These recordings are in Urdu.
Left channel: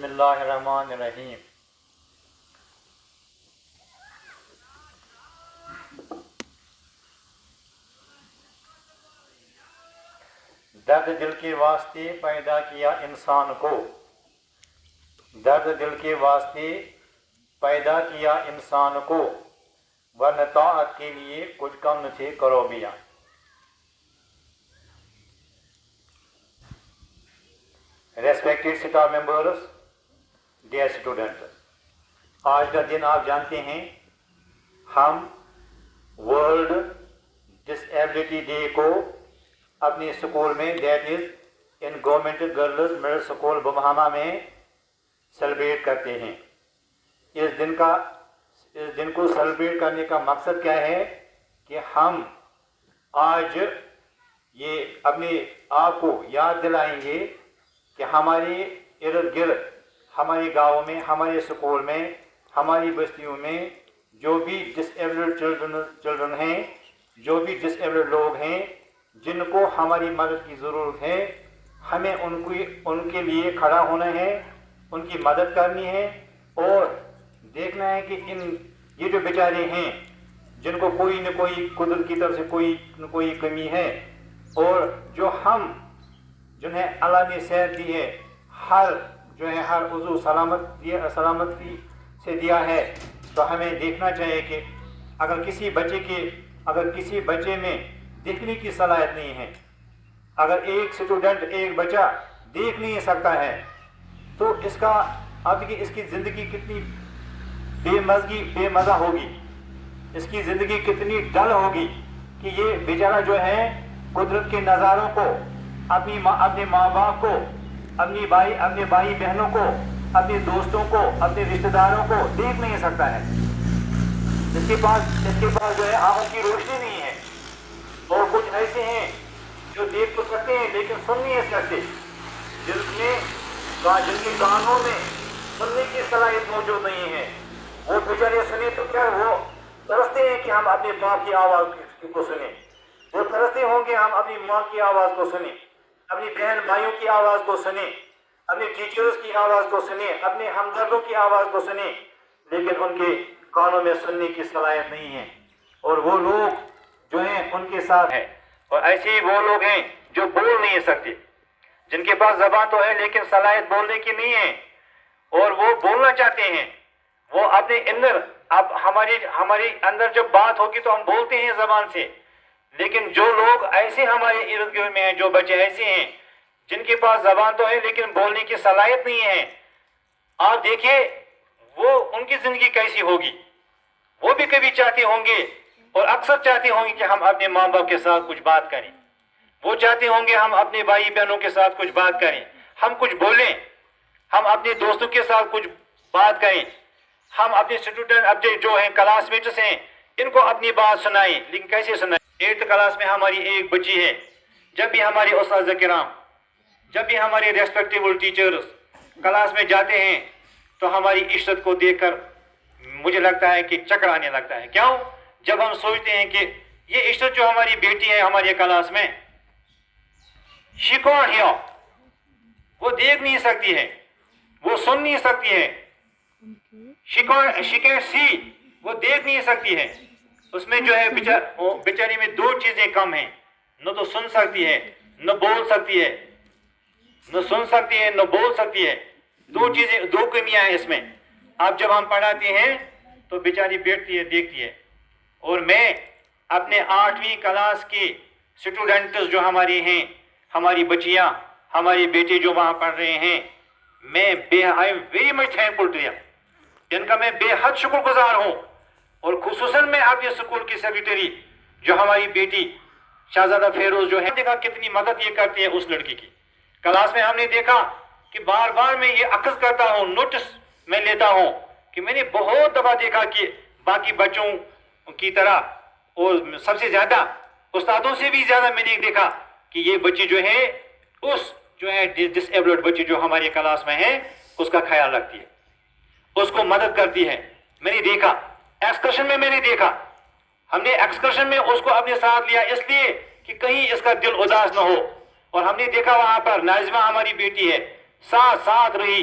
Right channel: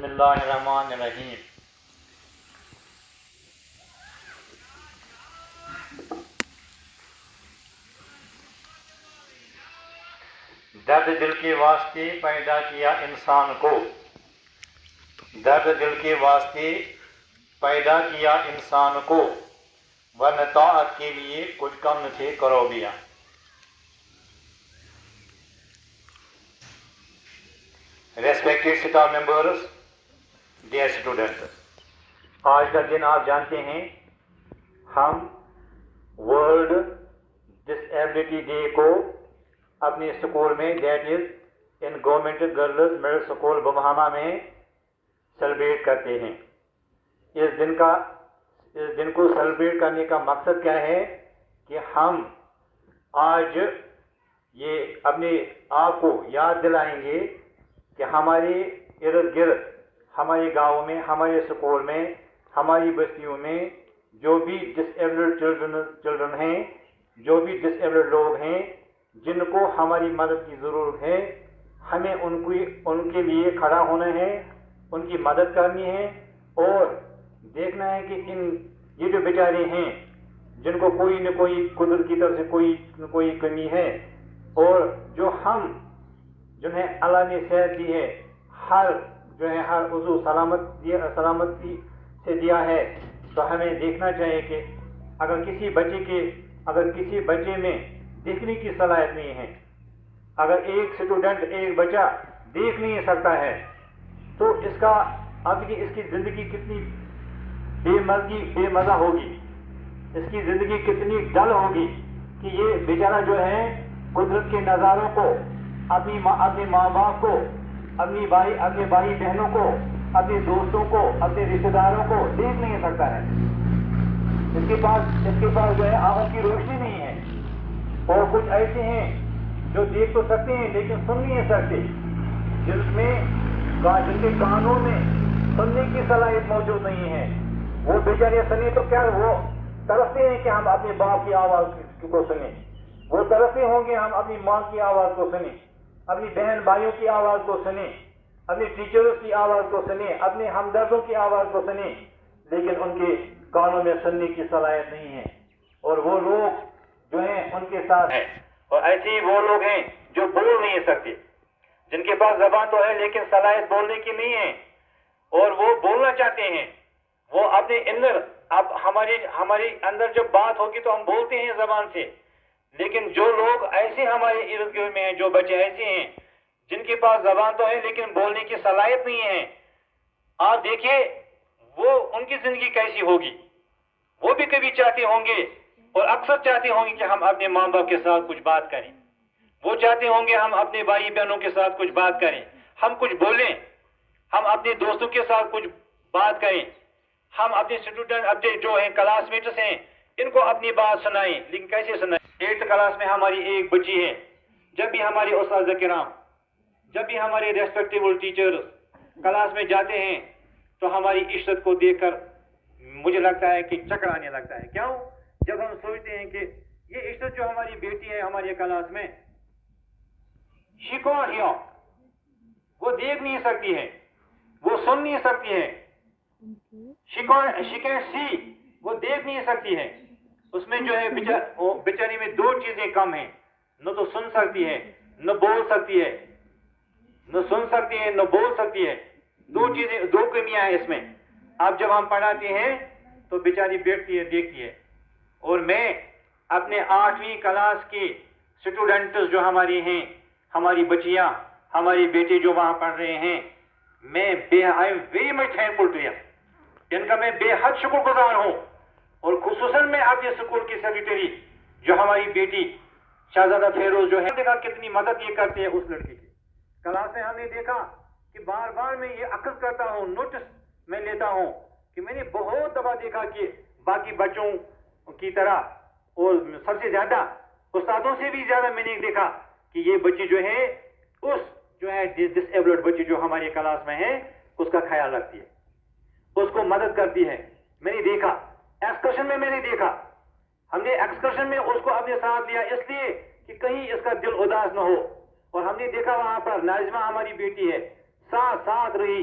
بسم اللہ الرحمن الرحیم۔ درد دل کے واسطے پیدا کیا انسان کو، درد دل کے واسطے پیدا کیا انسان کو، ورنہ طاعت کے لیے کچھ کم نہ تھے کرو بیا۔ Respected staff members, dear students, آج کا دن آپ جانتے ہیں ہم ورلڈ ڈس ایبلٹی ڈے کو اپنے اسکول میں، that is in government girls middle school بمہامہ میں سیلیبریٹ کرتے ہیں۔ اس دن کو سیلیبریٹ کرنے کا مقصد کیا ہے کہ ہم آج یہ اپنے آپ کو یاد دلائیں گے کہ ہمارے ارد گرد، ہمارے گاؤں میں، ہمارے اسکول میں، ہماری بستیوں میں جو بھی ڈس ایبلڈ چلڈرن ہیں، جو بھی ڈس ایبلڈ لوگ ہیں جن کو ہماری مدد کی ضرورت ہے، ہمیں ان کے لیے کھڑا ہونا ہے، ان کی مدد کرنی ہے اور دیکھنا ہے کہ یہ جو بیچارے ہیں جن کو کوئی نہ کوئی قدرت کی طرف سے کوئی نہ کوئی کمی ہے، اور جو جنہیں اللہ نے صحت دی ہے، ہر عضو سلامتی سے دیا ہے، تو ہمیں دیکھنا چاہیے کہ اگر کسی بچے میں دیکھنے کی صلاحیت نہیں ہے، اگر ایک بچہ دیکھ نہیں سکتا ہے، تو اس کی زندگی کتنی بے مزہ ہوگی، اس کی زندگی کتنی ڈل ہوگی کہ یہ بیچارہ جو ہے قدرت کے نظاروں کو، اپنے ماں باپ کو، اپنے بھائی بہنوں کو، اپنے دوستوں کو، اپنے رشتہ داروں کو دیکھ نہیں سکتا ہے۔ اس کے پاس جو ہے آنکھوں کی روشنی نہیں ہے، اور کچھ ایسے ہیں جو دیکھ تو سکتے ہیں لیکن سن نہیں سکتے، جن کے کانوں میں سننے کی صلاحیت موجود نہیں ہے۔ وہ بیچارے سنیں تو کیا، وہ ترستے ہیں کہ ہم اپنے باپ کی آواز کو سنیں، وہ ترستے ہوں گے ہم اپنی ماں کی آواز کو سنیں، اپنی بہن بھائیوں کی آواز کو سنیں، اپنے ٹیچرز کی آواز کو سنیں، اپنے ہمدردوں کی آواز کو سنیں، لیکن ان کے کانوں میں سننے کی صلاحیت نہیں ہے، اور وہ لوگ جو ہیں ان کے ساتھ ہیں، اور ایسے ہی وہ لوگ ہیں جو بول نہیں سکتے، جن کے پاس زبان تو ہے لیکن صلاحیت بولنے کی نہیں ہے، اور وہ بولنا چاہتے ہیں، وہ اپنے اندر، اب ہمارے اندر جب بات ہوگی تو ہم بولتے ہیں زبان سے، لیکن جو لوگ ایسے ہمارے ارد گرد میں ہیں، جو بچے ایسے ہیں جن کے پاس زبان تو ہے لیکن بولنے کی صلاحیت نہیں ہے، آپ دیکھیے وہ ان کی زندگی کیسی ہوگی۔ وہ بھی کبھی چاہتے ہوں گے، اور اکثر چاہتے ہوں گے کہ ہم اپنے ماں باپ کے ساتھ کچھ بات کریں، وہ چاہتے ہوں گے ہم اپنے بھائی بہنوں کے ساتھ کچھ بات کریں، ہم کچھ بولیں، ہم اپنے دوستوں کے ساتھ کچھ بات کریں، ہم اپنے اسٹوڈنٹ اپنے جو ہیں کلاس میٹس ہیں ان کو اپنی بات سنائیں، لیکن کیسے سنائیں؟ 8th کلاس میں ہماری ایک بچی ہے، جب بھی ہمارے اساتذہ کرام، جب بھی ہمارے ریسپیکٹیبل ٹیچرز کلاس میں جاتے ہیں تو ہماری عشرت کو دیکھ کر مجھے لگتا ہے کہ چکر آنے لگتا ہے۔ کیوں؟ جب ہم سوچتے ہیں کہ یہ عشرت جو ہماری بیٹی ہے ہماری کلاس میں، she can't hear، وہ دیکھ نہیں سکتی ہے، وہ سن نہیں سکتی ہے، she can't see، وہ دیکھ نہیں سکتی ہے، اس میں جو ہے بیچاری میں 2 چیزیں کم ہیں، نہ تو سن سکتی ہے نہ بول سکتی ہے، نہ سن سکتی ہے نہ بول سکتی ہے، 2 کمیاں ہیں اس میں۔ اب جب ہم پڑھاتے ہیں تو بیچاری بیٹھتی ہے، دیکھتی ہے، اور میں اپنے 8ویں کلاس کے اسٹوڈنٹس جو ہماری ہیں، ہماری بچیاں، ہماری بیٹے جو وہاں پڑھ رہے ہیں، میں I am very much thankful to them, ان کا میں بے حد شکر گزار ہوں، اور خصوصاً میں اپنے اسکول کی سیکریٹری جو ہماری بیٹی شہزادہ فیروز جو ہے، دیکھا کتنی مدد یہ کرتی ہے اس لڑکی کی۔ کلاس میں ہم نے دیکھا کہ بار بار میں یہ اخذ کرتا ہوں، نوٹس میں لیتا ہوں کہ میں نے بہت دفعہ دیکھا کہ باقی بچوں کی طرح، اور سب سے زیادہ استادوں سے بھی زیادہ میں نے دیکھا کہ یہ بچی جو ہے ڈس ایبلڈ بچی جو ہماری کلاس میں ہے اس کا خیال رکھتی ہے، اس کو مدد کرتی ہے۔ میں نے دیکھا ایکسکرشن میں، میں نے دیکھا ہم نے ایکسکرشن میں اس کو اپنے ساتھ لیا اس لیے کہ کہیں اس کا دل اداس نہ ہو، اور ہم نے دیکھا وہاں پر ناظمہ ہماری بیٹی ہے ساتھ رہی،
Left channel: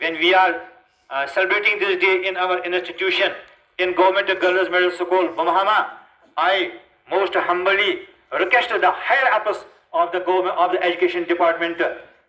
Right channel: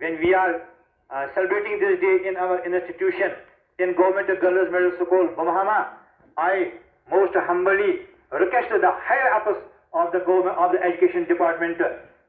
when we are celebrating this day in our institution in Government Girls Middle School Bamahama, I most humbly request the higher ups of the government of the education department